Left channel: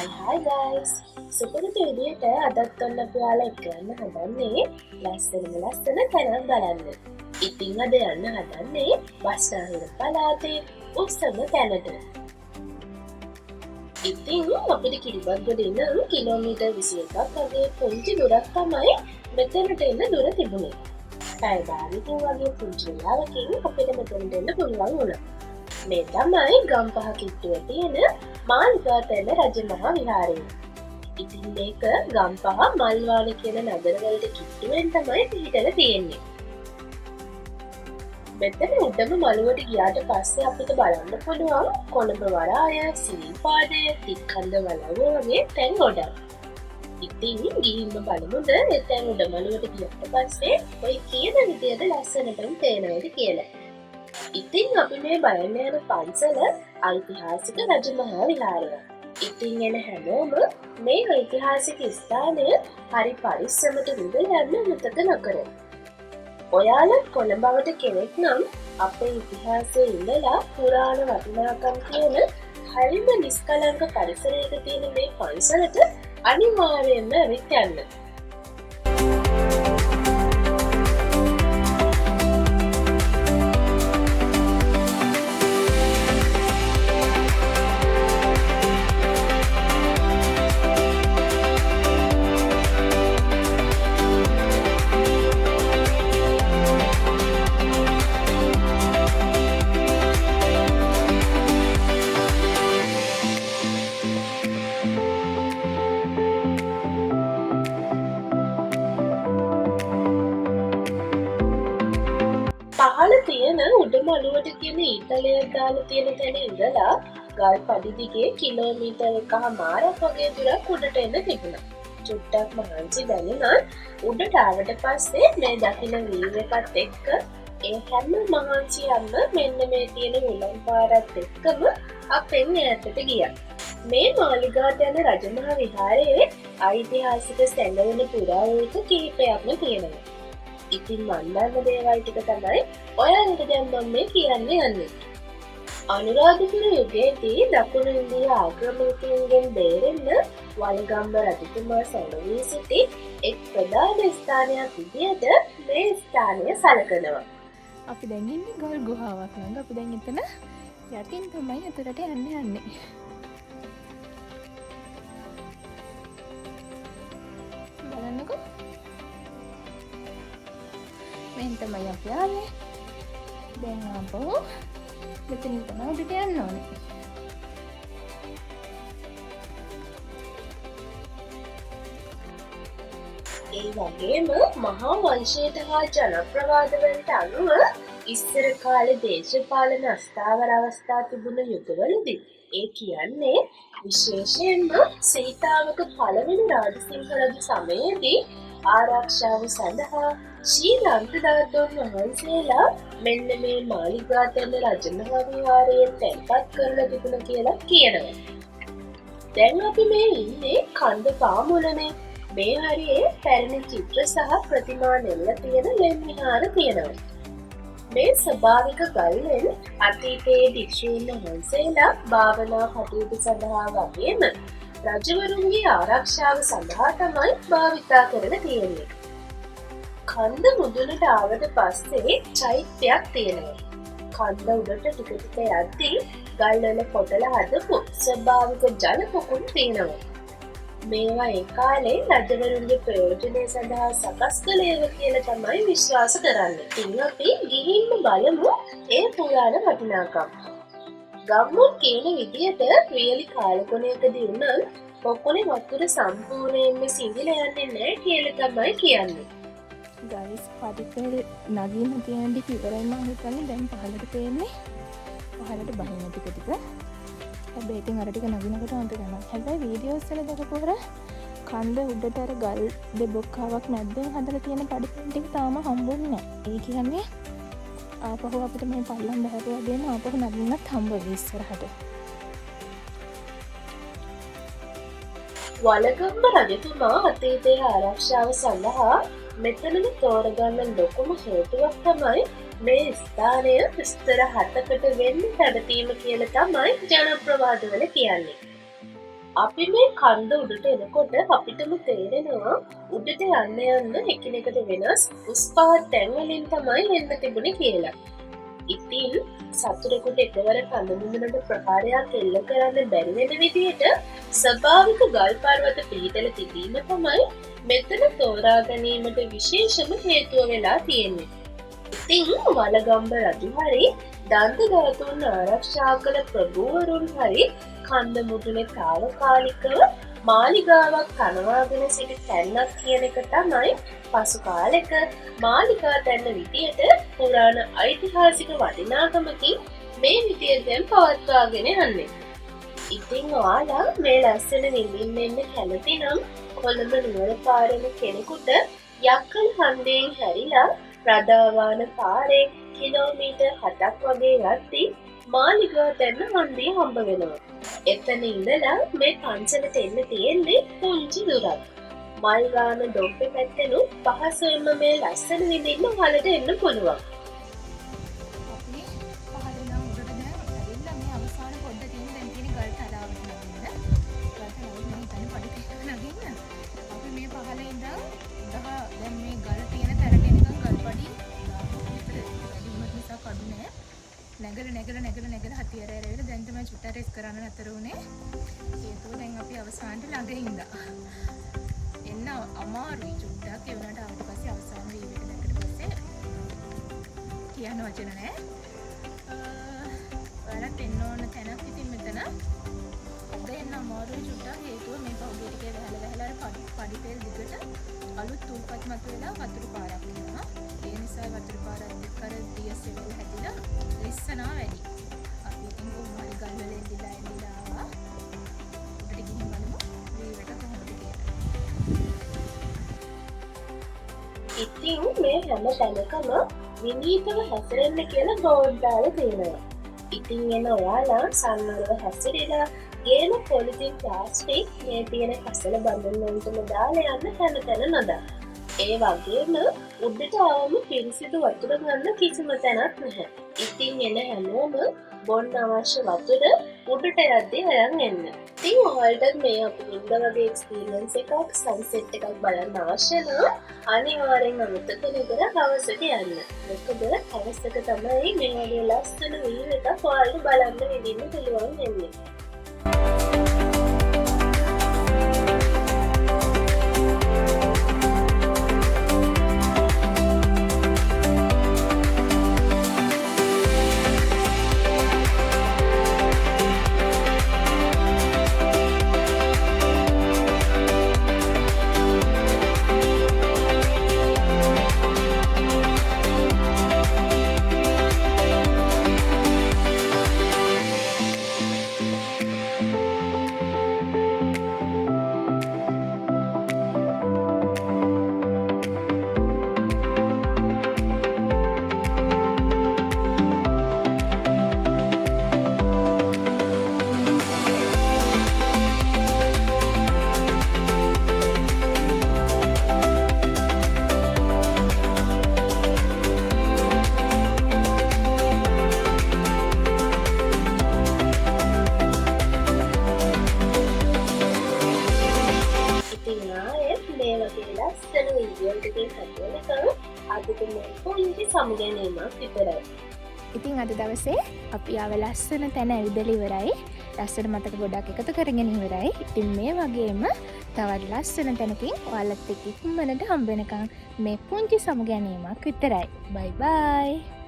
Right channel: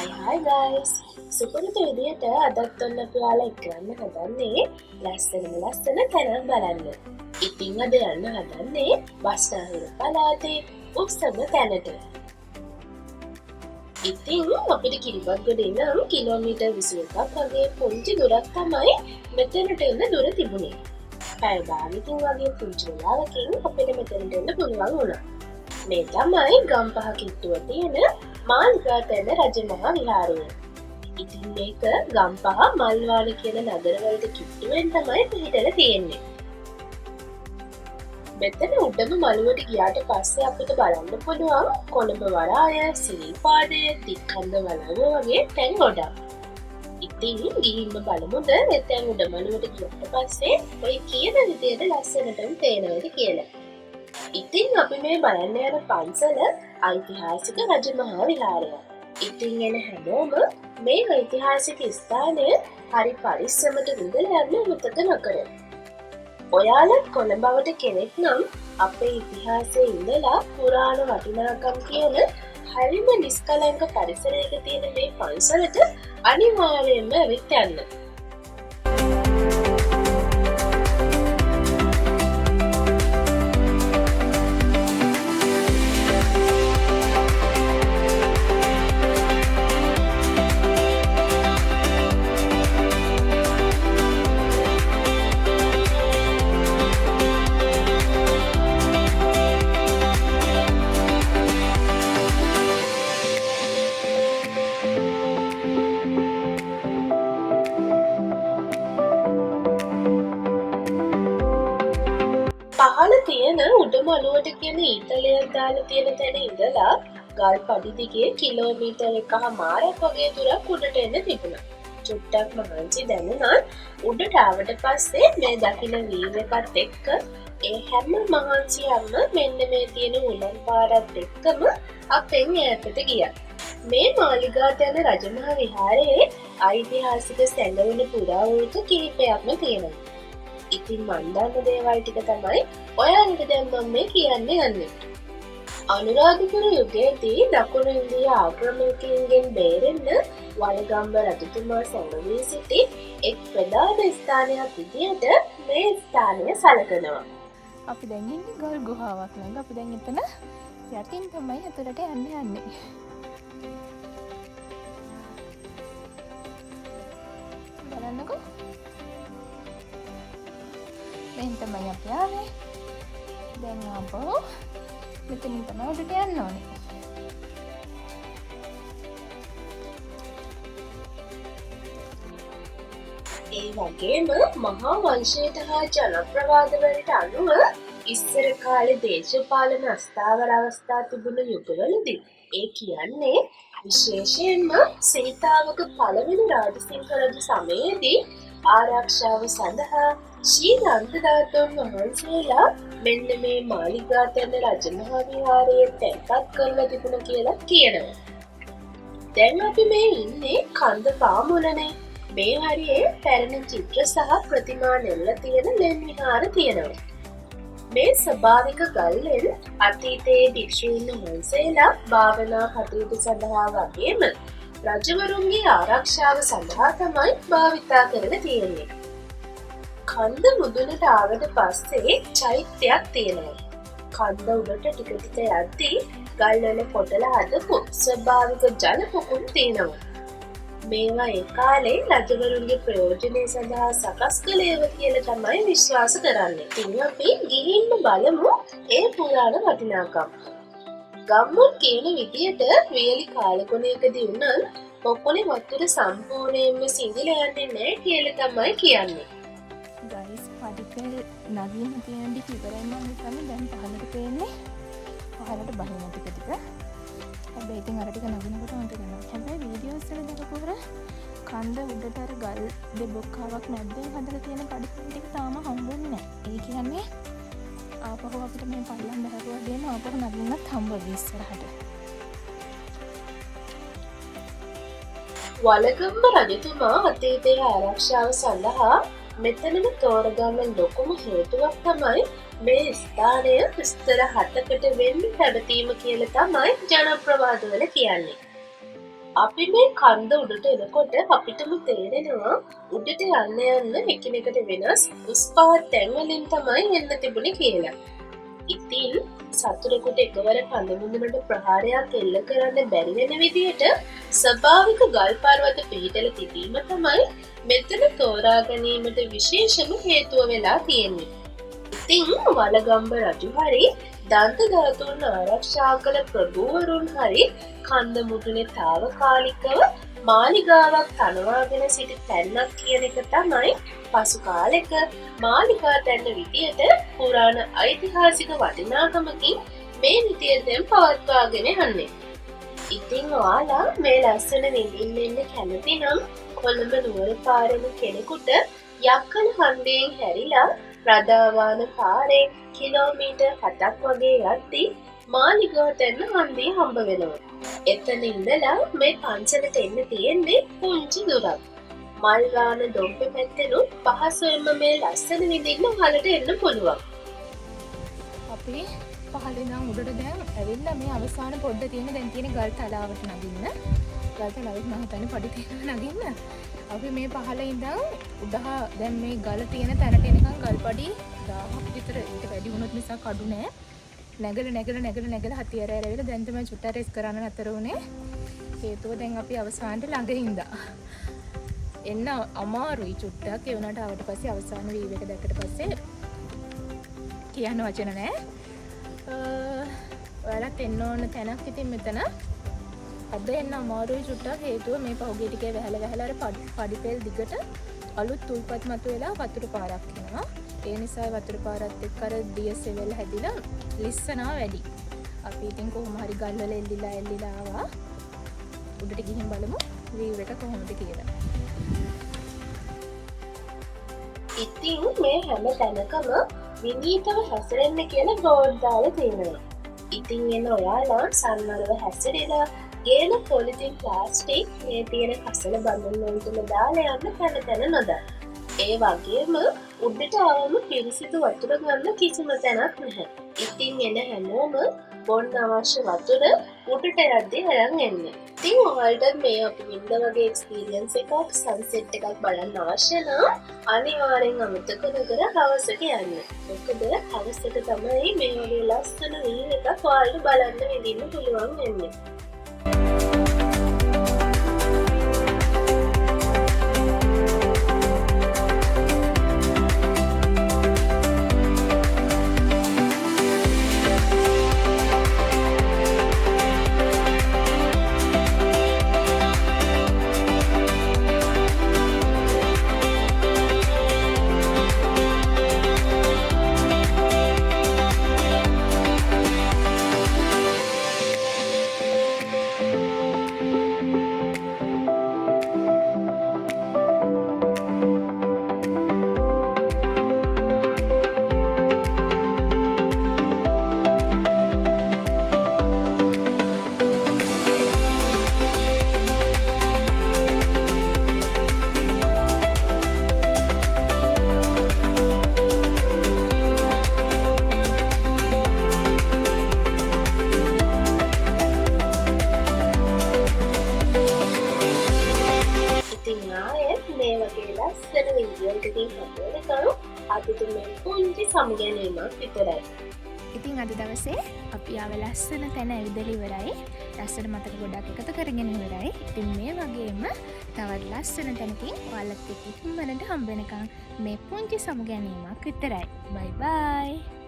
Hi guys! සුපුරුදු විදියට අදත් ඔන්න අපි ඔයාලා එක්ක යන්න හදන්නේ ලස්සන තැනක් බලන්න. ඉතින් අද යන්න හදන්නේ බස්නාහිර පළාතේ උත්සව තැනට. ඉතින් අපිට කිරිබත්ගොඩ ඉඳන් කිලෝමීටර් 21ක් වගේ පුංචි දුරක් තමයි මෙතනට එන්න දුර තිබුණේ. පැය භාගයකින් වගේ පුංචි වෙලාවකින් අපිට මෙතනට එන්න පුළුවන් වුණා. මේ තමයි ගම්පහ කිට්ටුව තියෙන මාලිගාතැන්න රජමහා විහාරය. ඉතින් මේක ගම්පහ මල්වාන කියන නගරවලට කිට්ටුවෙන් තමයි පිහිටලා තියෙන්නේ. මෙතන උඩම මළුවට ගියාට පස්සේ අපිට බලන්න පුළුවන් කොළඹ වරාය, සිරිපාදය, තික්කන්ද වලව්ව වගේ තැන් ගොඩක්. ඉතින් ගිහින්ම බලමුද එතැන් උඩ මළුවට ගියාට පස්සේ ඔය කියන විදියට ලස්සනටම පේනවද කියලා. ඉතින් අපි මේ බලන්න යන පන්සල ඓතිහාසික රජමහා විහාරය. ඉතින් එන හැමෝම මේ ඓතිහාසික ස්ථානය හරි පරිස්සමට විඳලා යන්න අමතක නොකර. ඔයාලා කොළඹවට කෙනෙක් නම් අපේ ඉතිහාසයේ ඉඳලා පුරාණ වටිනාකම් කියන හරිම නිස්කලංක පරිසරයක තියෙන මේ පන්සලට අනිවාර්යයෙන්ම ඇවිත් යන්න. පහළ තියෙන උඩමළුවට කියන ඊතලයක් දාලා තියෙන තැන ඉඳලා ගල් පඩි දිගේ කිලෝමීටර් 1.5ක් වගේ දුරක් උඩට එන්න තිබුණා. චුට්ටක් මහන්සි දැනුණත් උඩට ආවට පස්සේ මේ දකින්න වීව් එකත් එක්ක ඒ හැම මහන්සියක්ම මෙන්න මේ තියෙන උලන් පාරත් එක්කම අපෙන් ඈතට ගියා. මේ මාලිගාතැන්න රජමහා විහාරයේ ඓතිහාසික සැඟවුණු පුරාවෘත්ත කිහිපයක්ම තියෙනවා. ඉතින් මන් දන්න දේවල් ටික තමයි ඔයාලට දැන් මම මේ කියන්න යන්නේ. අනුරාධපුර යුගයේදී දකුණු ඉන්දිය ආක්‍රමණිකයින්ගෙන් බේරෙන්න වළගම්බ රජතුමා සැඟවී සිටි එක් ප්‍රධාන ස්ථානයක් විදියට මේ ස්ථානය සැලකනවා. අපි දැන් ඉන්නේ ගල් ගුහාවක් ළඟ. අපි දැන් එතන යටින් තමයි අතුරට යන්නේ. බලන්නකෝ. මෙහෙන් තමයි අපි ආවේ. දැන් ආපහු මෙතනින් තමයි උඩට යන්න ඕනේ. ඒ වගේම මහා වංශයට හා ජනප්‍රවාදවලට අනුව ඉස්සර කාලේ දේශපාලන අස්ථාවර අවස්ථා තිබුණ යුගවලදී ඒ කියන්නේ විශේෂයෙන්ම සීතාවක පළවෙනි රාජසිංහ රජු සමයේදී ආරක්ෂාව සඳහා ශ්‍රී ධාතුන් වහන්සේලා මෙන්න මේ මාලිගාතැන්න රජමහා විහාරයේ තැන්පත් කරලා තිබුණ කියලා කියනවා. දැන් අපි මේ ඉන්නේ කන්ද පාමුලනේ. මේ හරියේ පැරණි චිත්‍ර සහ ප්‍රතිමා නෙල්ල තියෙන ලෙන් විහාර තියෙනවා. මේ ස්වභාවික ගල්ලෙන් අතීතයේ භික්ෂූන් වහන්සේලා භාවනා කටයුතු සඳහා වගේම රජවරුන්ගේ ආරක්ෂාව සඳහා තමයි භාවිතා කරලා තියෙන්නේ. කන්ද මුදුනට ආවට පස්සේ චෛත්‍යයක් තියෙනවා. කන්ද උඩට ටික ටික යද්දී ගල්වල කොටලා හදපු ස්වභාවික ජල පොකුණු තියෙනවා. මේවා ඒ කාලේ රජවරුන්ගේ ප්‍රයෝජනය සඳහා සකස් කළේව කියලා තමයි විශ්වාස කරන්නේ. ඉතින් අපි ගිහින්ම බලමු ඒ පුරාණ වටිනාකම්. ගම්මුන් කියන විදියට වියලි කාලගුණයකදී උනන් පොකුණේ වතුර සම්පූර්ණයෙන්ම සිඳිලා යන්නේ නැහැ කියලා තමයි කියන්නේ. ගයිස් පඩිපෙල් නගින්න තියෙන ටික ඉවරයි මම හිතන්නේ. දැන් පහළට පේන්නේ. පහළට බහින ටික ටික. හැබැයි ඉතින් අර ටික නගිනකොට අන්ත ගන්නවා. හැබැයි වීඩියෝස් වල දැකපුවර කන්ද උඩට අර ගල් දෙබොක්කාවක් මැද්දෙන් හදලා තියෙන පඩිපෙල් ටික තාම හම්බුන්නේ නැහැ. ඒ කියන්නේ ආපහු අපිට මේ පල්ලම් බහැරුවා දෙන්න ආපහු නගින්නත් හම්බ වෙයි ඉස්සරහට. වළගම්බ රජතුමා අතීතයේ ආරක්ෂාව සඳහා මෙතනම තෝරගන්න ලොකුම හේතුවක් තමයි මේ ස්ථානය ස්තර 7කට වෙන්න පැවතීම කියලා තමයි ජනප්‍රවාදවල කියන්නේ. අපි මේ කන්ද උඩට එනකොට අපිටම තේරෙනවා උඩට යන්න එකිනෙකට වෙනස් උස් පහත් තැන්වලින් තමයි එන්න තිබුණේ කියලා. ඉතින් සතුරෙකුට එකවර කඳමුදුනට ප්‍රහාරයක් එල්ල කරන්න බැරි වෙන විදියට ස්වභාවික ගල් පර්වත පිහිටල තිබීම තමයි මෙතන තෝරා ගැනීමට විශේෂම හේතුව වෙලා තියෙන්නේ. ඉතින් වලගම්බ රජු හරි දන්ත ධාතුන් ආරක්ෂා කළ ප්‍රභූවරුන් හරි කන්ද මුදුනේ තාවකාලිකව මාලිගාවක් තනවාගෙන සිටි තැන්නක් කියන එක තමයි පසු කාලෙක මාලිගා තැන්න විදියට පුරාණ ඓතිහාසික වටිනාකමකින් මේ විදියට දැන් පවත්වාගෙන යන්නේ. ඉතින් ඔයාලා මේ ලස්සන විඳින්න එන්න කැමති නම් කොළඹ නුවර පාරෙන කෙනෙකුට යක්කල හන්දියෙන් හැරිලා රදාවාන පාරේ කිලෝමීටර් 7ක් වගේ යද්දී මාලිගා තැන්න හන්දිය හම්බ වෙනවා. එතන ඉඳලා මේ පන්සලට එන්න තියෙන්නේ පුංචි දුරක්. මල්ගාන දොම්පෙ පැත්තෙනුත් පහසුවෙන්ම මේ ලස්සන විඳින්න ඔයාලට එන්න පුළුවන්. අපි පහළින් උඩට දැන් ඇවිල්ලා මේ අවසාන පොඩ්ඩ තියෙන දැන් තියෙන ගල් තලාවට නගින්න. ගල් තලාවට මම හිතන්නේ පඩි තියලා නගින්න. අපි මේ පහළ ඉඳන් උඩහ දැන් මේ ගල තියෙන තැනට එනකන් ගල්පඩි 1000ක් විතර ඊට වැඩි වුණොත් මිසක් අඩු නෑ. නැගල හතියර ඇරවිලා දැන් තමයි චුට්ටක් රෙස් කරන්න නතර වුණේ. හේතුව දැන් අපි අවසානට ළඟ ඉඳා. එන්න අමාරුයි චුට්ටක් ඒ වුණාට ආවට පස්සේ අවසාන වීව් එක දැක්කට පස්සේ කියන්න වචන නෑ. ඔයාලත් එන්න ඕන තැනක් ඉතින් මෙතන. අද එන්න අමාරුයි චුට්ටක් හේතුව මේ පහුගිය ටිකේ වැහැලා අර පඩිපෙල් දිගට අලුත් තුල්පත් මතුවෙලා වතුර පාරක් එනවා. ඒ නිසා වතුර පාරත් එක්ක අර දියසෙවල් හැදිලා ලිස්සනවා වැඩි. අපි ඉතින් කොහොම හරි ගල් වල එල්ලිලා ආවා. උඩට ගිහින් බලමු වීව් එක කොහොමද කියලා. ඉතින් මේ හැම තැනකම විනීතව හැසිරෙන්න කියලා බෝඩ් දාලා තියෙනවා. ඉතින් එන ඔයාලා සම්මරව හැසිරෙලා ගේන පොලිතින් ප්ලාස්ටික් මේ තියෙන කසල බඳුන් වලටම දාලා යන්න තැන නොදා. ඒ වගේම උඩට ආවම පිරිසිදු වතුර ගන්න කිසිම තැනක් නැහැ. ඉතින් එන හැමෝම බොන්න අවශ්‍ය වතුර උඩට යද්දී අරන් එන්න. ඉතින් ඔයාලට මේ අපි වින්ද වගේ එක්ස්පීරියන්ස් එකක් සන්සෙට් එකක් බලන්න අවශ්‍ය නම් අනිවාර්යෙන් අමතක නොකර හවසට යන්න. මොකද හවසට තමයි මේ වගේ ලස්සන වීව් එකක් ඔයාලට බලන්න විඳින්න පුළුවන් වෙන්නේ. මේ වගේ ලස්සන වීඩියෝ එකකින් හම්බවෙනකම් අදට මේ පුංචි සමුගැනීමක් විතරයි. ඉතින් අද දවසේ අපි ආව ලස්සන තැන ඇවිදලා ඉවරයි. ලස්සන මතක ගොඩක් එකතු කරගෙන ඉවරයි. ඉතින් මේ වගේම තවත් ලස්සන තැනකින් ඔයාලත් එක්ක ඉක්මනට හම්බ වෙනකම් මේ පුංචි සමුගැනීමක් විතරයි. බයි බයි.